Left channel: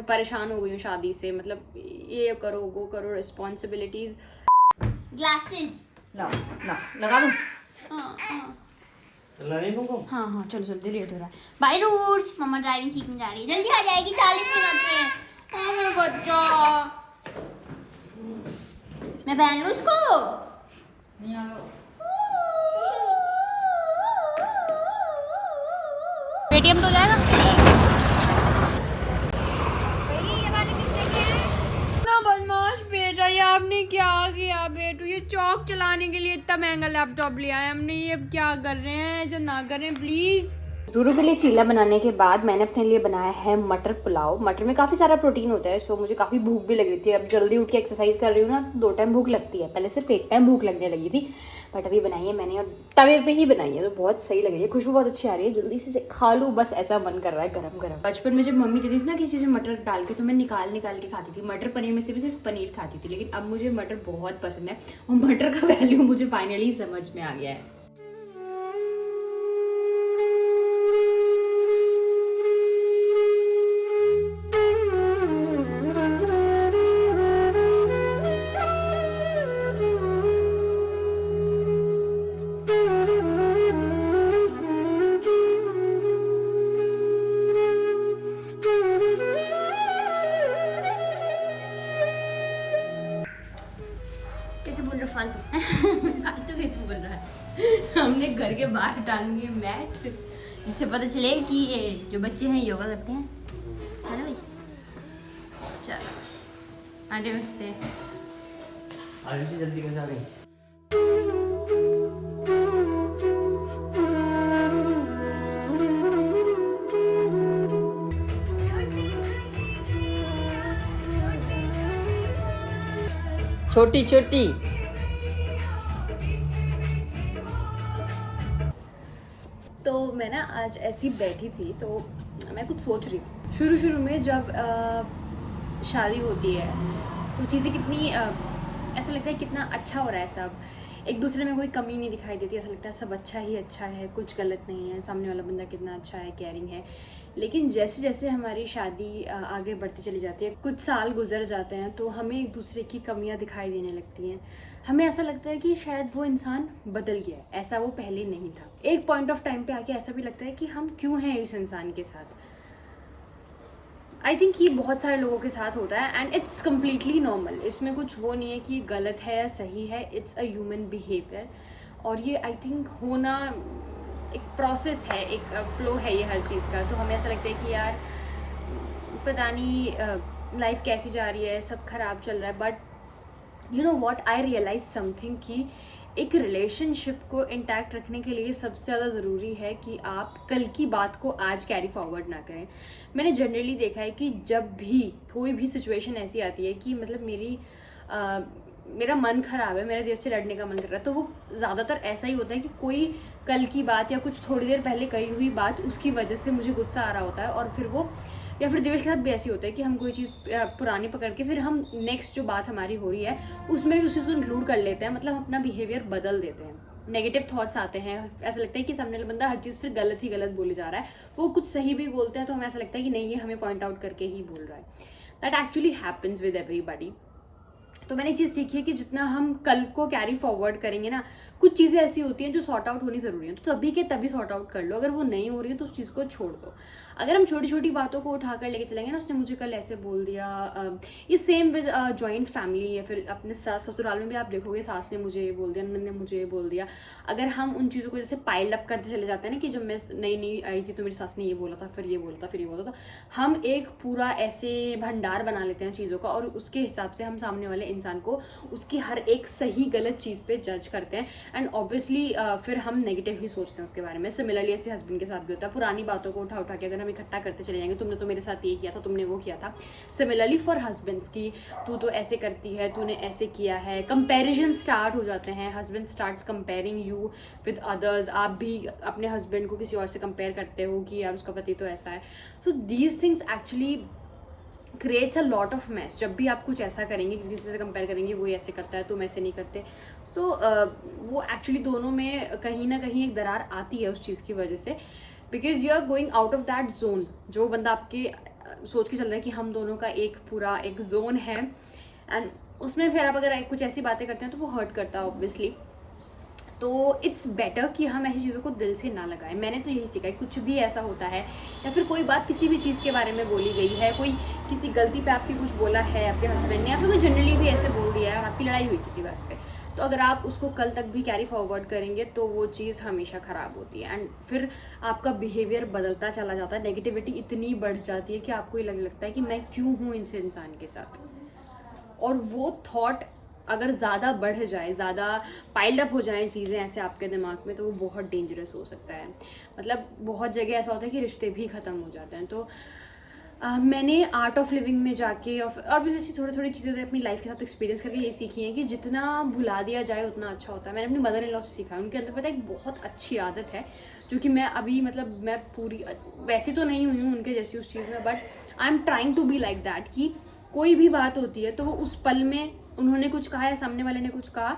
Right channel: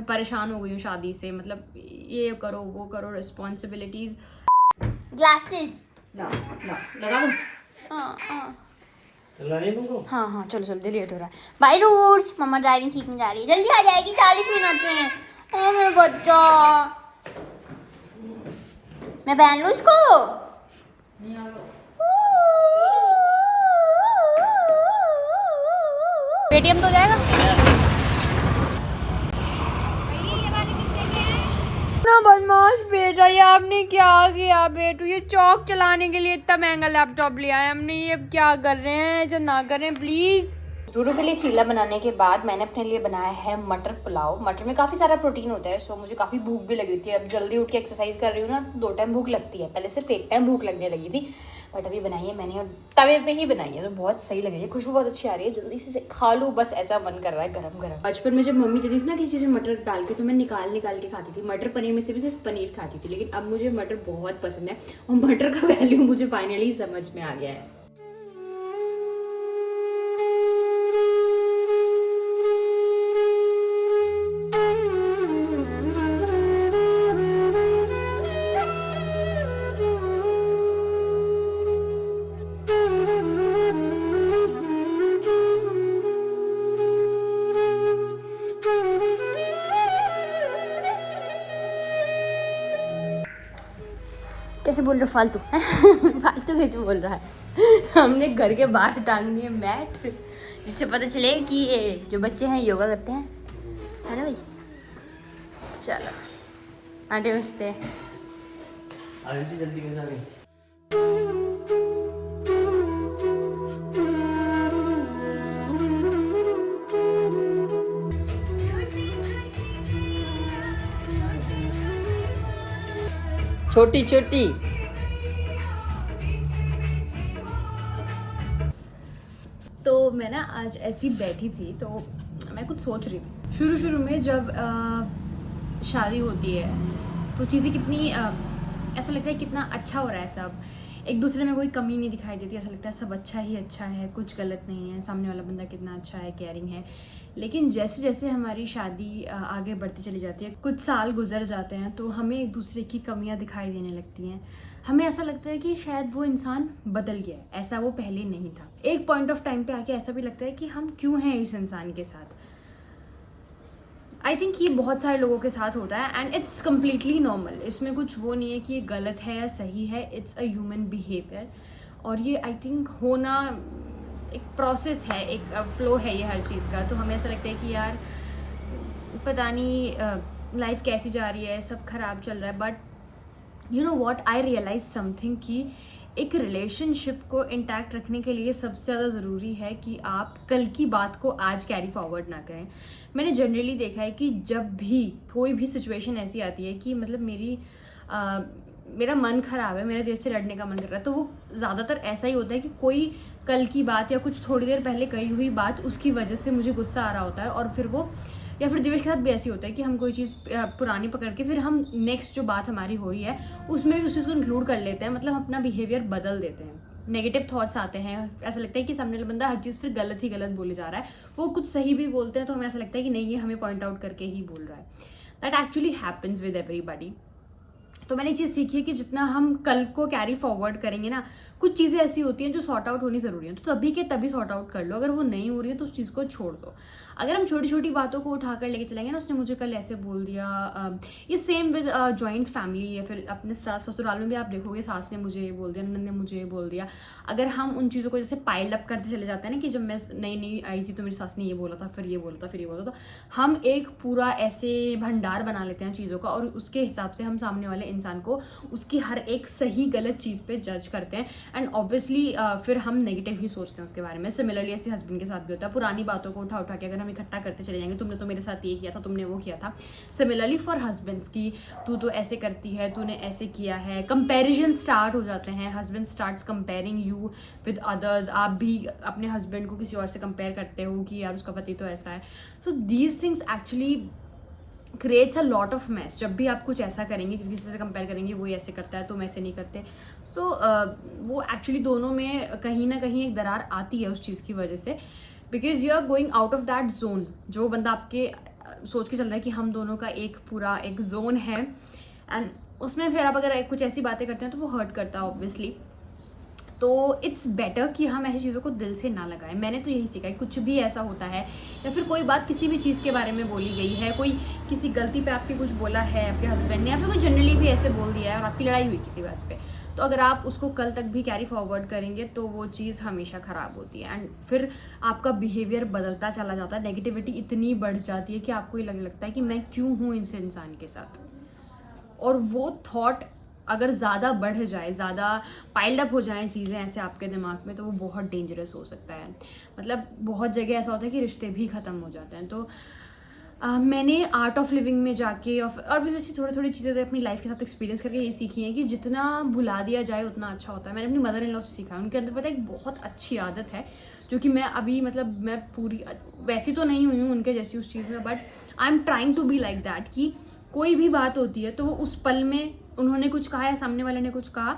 मैं परेशान हो गई हूँ शादी से, मतलब ये करो वो करो, रिस्पॉन्सिबिलिटीज। ग्लासेस लगा दूँ? हाँ हाँ चलो जल्दी, लेट हो रहा है। बाय रूट्स, मम्मा ड्राइविंग सीखने जा रही है, जल्दी आ जाएगी, 40 मिनट में। ओह मेरा बच्चा, मैं पहन लूँ इसको? पेटीएम तो हो जाएगा ना। बदमाश बेटा, ये आपने क्या किया बेटू? ये चौक चलाने के लिए इतना महंगा लैपटॉप लिया है हमने, ये क्या कर रहे हैं? जो ना करें प्लीज। रूरू के लिए चीला बनाने के बाद मैंने अपने लिए बनाया है मटर पुलाव। मटर में काफ़ी सारा प्रोटीन होता है, सो मुझे काफ़ी भूख भी लग रही थी। अब जल्दी उठ के एक्सरसाइज कर रही हूँ ना, 2 टाइम भूख लगती है, पहले सिर्फ 1 टाइम भूख लगने लगी थी, बट अभी बनाई है मैंने और तवे पे ही बनाई है, तो बहुत सही लगी है, खुशबू बहुत अच्छी आ रही है। जल्दी से खा लूँ बस, ऐसा मन कर रहा है गरम गरम। बचपन में जब मम्मी देती थी ना किसी चीज़ में मटर डाल के, तो मैं निकाल के खाती थी। मटर पनीर में से भी सिर्फ पनीर खाती थी, लेकिन अब मुझे मटर बहुत पसंद है और मटर का वैल्यू मुझे फाइनली समझ में आ गया है। कैसे बोल रहे हो फालतू? फालतू कैसे बोल रहा है? हमने घर के बाहर टांग दिए मैट, जिससे पता चले कि ये जो बच्चे हैं योगा करते हैं, है ना भाई? चलो आटे मिलते जल्दी कैसे आ गई? छोटी छोटी तो मैं ना आज ऐसी बैठी थी, तो मैं कुछ सोच रही थी। शुरू में जब शादी होती है तो चीज़ें कितनी ऐसा लगता है कितना अच्छा हो रहा है सब, एक दूसरे में कोई कमी नहीं दिखाई देती, ऐसा लगता है सब अच्छा ही अच्छा है, कुछ गलत नहीं है, सामने वाला बंदा कितना अच्छा है, केयरिंग है। लेकिन जैसे जैसे हमारी शादी आगे बढ़ती चली जाती है, कुछ साल गुजर जाते हैं, तो हमें एक दूसरे की कमियां दिखाई देने लगती हैं। हमें ऐसा लगता है कि शायद वो इंसान बदल गया है, ऐसा वो पहले नहीं था। एक पॉइंट ऑफ टाइम पे आके ऐसा भी लगता है कि हम क्यों हैं इस इंसान के साथ। आई थिंक ये बहुत सारे लोगों के साथ होता है एंड इट्स कम्प्लीटली नॉर्मल। इसमें कुछ वो नहीं है कि ये गलत है या सही है, इट्स अ ह्यूमन बिहेवियर। और ये आई थिंक होना एक प्रोसेस है, एक फ्लो है ये हर चीज़ का। तो हमें ऐसा लगता है कि यार पता नहीं लाइफ कैसी जा रही है, सब खराब चल रहा है, but you know what, I realise something कि एक रिलेशनशिप को इंटैक्ट रखने के लिए सबसे ज़्यादा ज़रूरी है कि आप कल की बात को आज कैरी फॉरवर्ड ना करें। मैंने जनरली देखा है कि जब भी कोई भी सिचुएशन ऐसी आती है कि मतलब मेरा मन ख़राब है, मेरे दिल से लड़ने का मन कर रहा है, तो वो ज़्यादातर ऐसा ही होता है कि कोई कल की बात या कुछ थोड़ी देर पहले कही हुई बात, उसकी वजह से मुझे गुस्सा आ रहा होता है। और फिर वो, या फिर दिवेश के साथ भी ऐसी होता है कि हम कोई चीज़ पुरानी पकड़ के फिर हम नेक्स्ट जो बात हमारी हो रही है उसमें भी उस चीज़ को इंक्लूड कर लेते हैं, मतलब अपना बिहेवियर बदल देते हैं। नेगेटिव थॉट्स आते हैं, ऐसा लगता है कि सामने वाला बंदा हर चीज़ फिर गलत ही गलत बोले जा रहा है। वो कुछ सही भी बोलते हैं तो हमें ऐसा लगता है कि नहीं, ये हमें पॉइंट आउट करके ही बोल रहा है। That actually happens with everybody. तो मैंने एक चीज़ सीखी है कि जितना हम कल को कैरी फॉरवर्ड करेंगे ना, कुछ चीज़ें ऐसी होती हैं जो सॉर्ट आउट होनी ज़रूरी है, तो तभी के तभी सॉर्ट आउट कर लो। अगर वो नहीं हो रही है तो उस चीज़ को छोड़ दो। अगर हम छोटी छोटी बातों को उठाकर लेके चलेंगे ना, उसने मुझे कल ऐसे बोल दिया, ये सेम विद जॉइंट फैमिली या फिर अपने ससुराल में भी आप देखोगे, सास ने मुझे ये बोल दिया, ननद ने मुझे ये बोल दिया। अगर हम उन चीज़ों को जैसे पाइल अप करते चले जाते हैं ना, कि जब मैं नई नई आई थी तो मेरी सास ने ये बोला था, फिर ये बोला था, फिर ये बोला था, तो हम एक पूरा ऐसे भंडार बना लेते हैं चीज़ों का, और उसके हिसाब से हम सामने वाले इंसान को उसकी हर एक सही गलत चीज़ पे जज करते हैं। एंड ऑब्वियसली फिर हम नेगेटिव ही सोचते हैं उसके बारे में। सिमिलरली ऐसे हस्बैंड के साथ भी होता है, पुरानी बातों को उठा के अगर हम इकट्ठा करते चले जाएंगे, तुमने तो मेरे साथ ये किया था, तुमने वो किया था। सिमिलरली फॉर हस्बैंड्स की, तू तो ऐसे करती है, तूने ऐसे किया है, कंपैरिजन स्टार्ट हो जाते हैं। Husband starts comparing you with others. आप भी अपने हस्बैंड को किसी और से कंपेयर करते हो कि यार उसका पति तो ऐसा है। So these things actually creates a lot of mass. जब भी आप कुछ ऐसा करेंगे, किसी से कंपेयर करेंगे, वो ऐसे करता है तुम ऐसे नहीं करते, तो वो एक्चुअली दोनों में कहीं ना कहीं एक दरार आती है उस चीज़ की वजह से, because you are going out of that zone. जो बंदा आपके सोच के चल रहा है कि हम दोनों का एक पूरा एक जोन है, एंड उसमें फिर आप अगर कुछ ऐसी बातें करते हैं तो वो हर्ट करता है ऑब्वियसली। तो इट्स बेटर कि हम ऐसी चीज़ों को दिल से ना लगाएं। मैंने तो यही सीखा है, कुछ भी ऐसा होता है या फिर कोई बात किसी भी चीज़ के बारे में बोली गई है, कोई किसी गलती पे आपकी कुछ बोला है आपके हस्बैंड ने, या फिर कोई जनरली भी ऐसे बोल दिया है और आपकी लड़ाई हुई किसी बात पे, तो अगर आप उसको कल तक भी कैरी फॉरवर्ड करेंगे तो वो चीज़ हमेशा ख़राब होती है, एंड फिर आपका बिहेवियर बदलता चला जाता है, नेगेटिविटी इतनी बढ़ जाती है कि आपको ये लगता है कि मैं क्यों हूँ इनसे इंसान के साथ। और वो थॉट अगर ज़्यादा बढ़ जाए, ज़्यादा पाइल्ड अप हो जाएं चीज़ें ऐसे आपके दिमाग में, तो वो बहुत डेंजरस हो सकता है। मतलब बहुत जगह ऐसा होता है कि रिश्ते भी ख़त्म हो जाते हैं। तो मैंने आर्ट ऑफ लिविंग में जाके और भी वैसे थोड़ी थोड़ी चीज़ें अपनी लाइफ के साथ एक्सपीरियंस करके ये सीखी हैं कि जितना भुला दिया जाए उतना अच्छा होता है। मैंने अपनी मदर इन लॉ से सीखा है, उनके अंदर पता है एक बहुत अच्छी आदत है जो कि मैं अभी मतलब मैं पूरी वैसी तो नहीं हुई हूँ उनके जैसी उस चीज़ में, but I am trying to be like that कि कोई भी बात होती है तो वो उस पल में उन्होंने कुछ कहा या सामने वाले ने कुछ कहा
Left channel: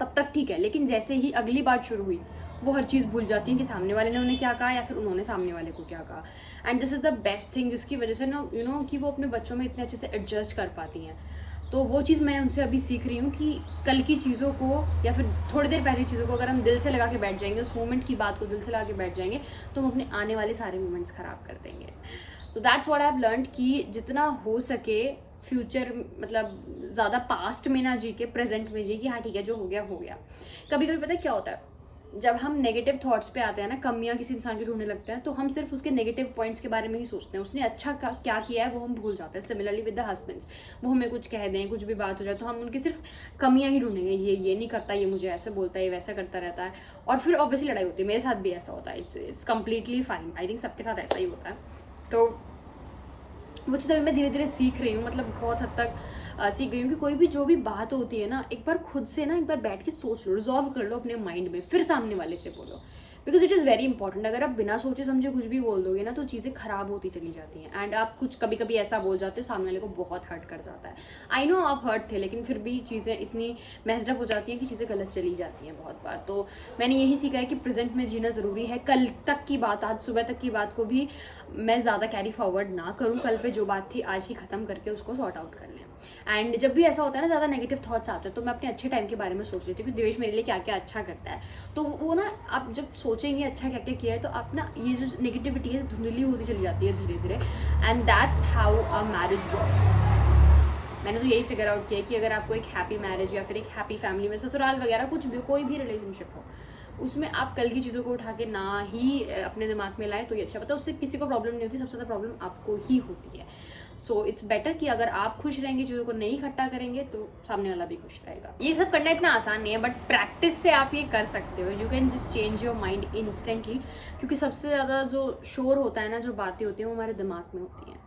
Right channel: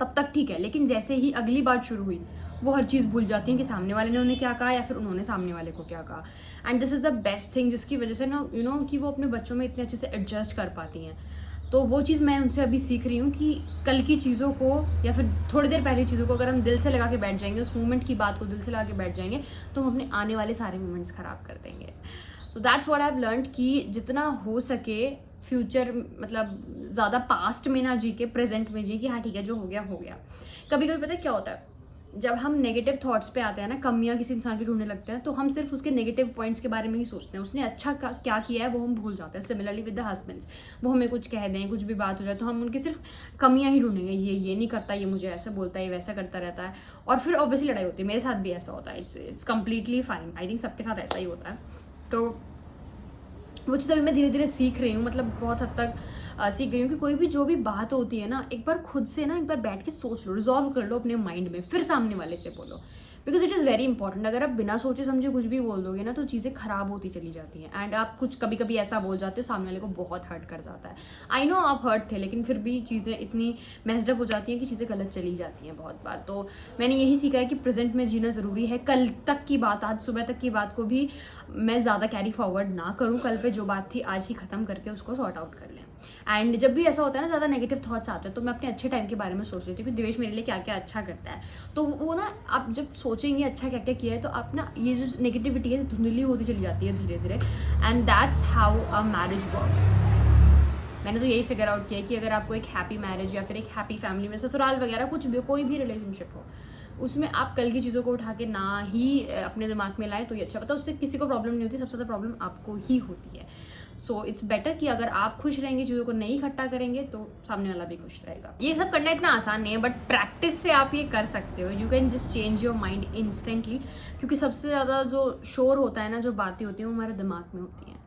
तब तक ठीक है, लेकिन जैसे ही अगली बात शुरू हुई वो हर चीज़ भूल जाती हैं कि सामने वाले ने उन्हें क्या कहा या फिर उन्होंने सामने वाले को क्या कहा। And this is the best thing, जिसकी वजह से ना यू नो कि वो अपने बच्चों में इतने अच्छे से एडजस्ट कर पाती हैं। तो वो चीज़ मैं उनसे अभी सीख रही हूँ कि कल की चीज़ों को या फिर थोड़ी देर पहले चीज़ों को अगर हम दिल से लगा के बैठ जाएंगे, उस मोमेंट की बात को दिल से लगा के बैठ जाएंगे, तो हम अपने आने वाले सारे मोमेंट्स ख़राब कर देंगे। तो that's what I have learned कि जितना हो सके फ्यूचर मतलब ज़्यादा पास्ट में ना जी के प्रेजेंट में जी कि हाँ ठीक है जो हो गया हो गया। कभी कभी पता है क्या होता है, जब हम नेगेटिव थॉट्स पे आते हैं ना, कमियां किसी इंसान की ढूंढने लगते हैं, तो हम सिर्फ उसके नेगेटिव पॉइंट्स के बारे में ही सोचते हैं, उसने अच्छा क्या किया है वो हम भूल जाते हैं। सिमिलरली विद द हस्बैंड्स, वो हमें कुछ कह दें, कुछ भी बात हो जाए तो हम उनकी सिर्फ कमियां ही ढूंढेंगे, ये नहीं करता, ये मुझे ऐसे बोलता है, ये वैसा करता रहता है, और फिर ऑब्वियसली लड़ाई होती है। मेरे साथ भी ऐसा होता है, it's completely fine, I think सबके साथ ऐसा ही होता है। तो वो चीज़ अभी मैं धीरे धीरे सीख रही हूँ, मतलब बहुत हद तक सीख गई हूँ कि कोई भी जो भी बात होती है ना, एक बार खुद से ना एक बार बैठ के सोच लो, रिजॉल्व कर लो अपने माइंड में, फिर सामने वाले से बोलो, because it is very important. अगर आप बिना सोचे समझे कुछ भी बोल दोगे ना तो चीज़ें खराब होती चली जाती हैं, एंड आप कुछ कभी कभी ऐसा बोल जाते हो सामने वाले को बहुत हर्ट कर जाता है। आई नो आप हर्ट थे, लेकिन फिर भी चीज़ें इतनी मैस्ड अप हो जाती हैं कि चीज़ें गलत चली जाती हैं बहुत बार। तो मैंने यही सीखा है कि प्रेजेंट में जीना ज़रूरी है। कल तक की बात, आज सुबह तक की बात को भी मैं ज़्यादा कैरी फॉरवर्ड ना करूँ, कल पे जो बात थी आज ही ख़त्म करके उसको सॉर्ट आउट कर लें। एंड जब भी ऐसा होता है ना ज़्यादा नेगेटिव थॉट्स आते हैं, तो मैं अपने अच्छे टाइम के बारे में सोच लेती हूँ कि देवेश मेरे लिए क्या क्या अच्छा करता है। तो वो ना आप जब सोचेंगे अच्छा क्या क्या किया है, तो आप ना ये जो नेगेटिविटी है धुंधली होती चली जाती है धीरे धीरे, and that's how a marriage works. मैंने तो यही फिगर आउट किया है कि अगर आपको एक हैप्पी मैरिज या फिर एक हैप्पी फैमिली में ससुराल वगैरह कुछ भी, कोई भी रिलेशनशिप हो, उसमें आप कल की चीज़ों को उठा के ना ही अपने दिमाग में लाएं तो ये अच्छा। पता उससे किसी को प्रॉब्लम नहीं होती, सबसे ज़्यादा प्रॉब्लम आपको ही होती है। सो इट्स बेटर कि अगर आप खुश रहेंगे, चीज़ों को नहीं इकट्ठा करेंगे, तो सामने वाला भी खुश रहेगा। ये सब करना इतना आसान नहीं है, बट प्रैक्टिस से आप ये कर सकते हो। You can just change your mind instantly, क्योंकि सबसे ज़्यादा जो शोर होता है ना, जो बातें होती हैं वो हमारे दिमाग में होती हैं।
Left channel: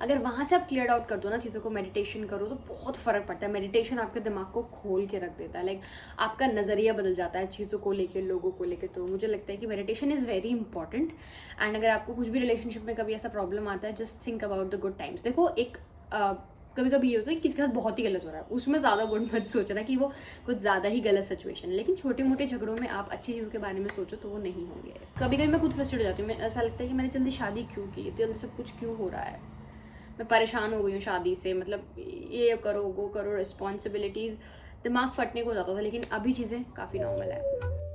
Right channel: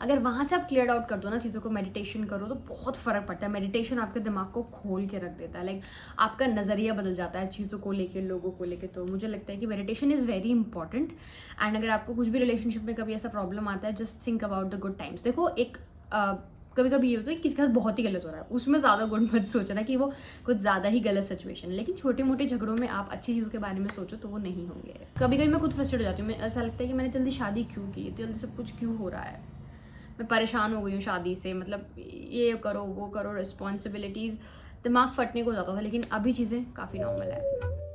अगर वहाँ से आप क्लियर आउट कर दो ना चीज़ों को, मेडिटेशन करो, तो बहुत फ़र्क पड़ता है। मेडिटेशन आपके दिमाग को खोल के रख देता है, लाइक आपका नज़रिया बदल जाता है चीज़ों को लेके, लोगों को लेके। तो मुझे लगता है कि meditation is very important. And अगर आपको कुछ भी रिलेशनशिप में कभी ऐसा प्रॉब्लम आता है, just think about the good times. देखो एक कभी कभी ये होता है कि किसी के साथ बहुत ही गलत हो रहा है, उसमें ज़्यादा गुड मत सोचना कि वो कुछ ज़्यादा ही गलत सिचुएशन है, लेकिन छोटे मोटे झगड़ों में आप अच्छी चीज़ों के बारे में सोचो तो वो नहीं होंगे। कभी कभी मैं खुद फ्रस्ट्रेट हो जाती हूँ, ऐसा लगता है कि मैंने जल्दी शादी क्यों की, जल्दी सब कुछ क्यों हो रहा है, मैं परेशान हो गई हूँ शादी से, मतलब ये करो वो करो, रिस्पॉन्सिबिलिटीज़, दिमाग फटने को जाता था। लेकिन अभी चीज़ें काफ़ी नॉर्मल है।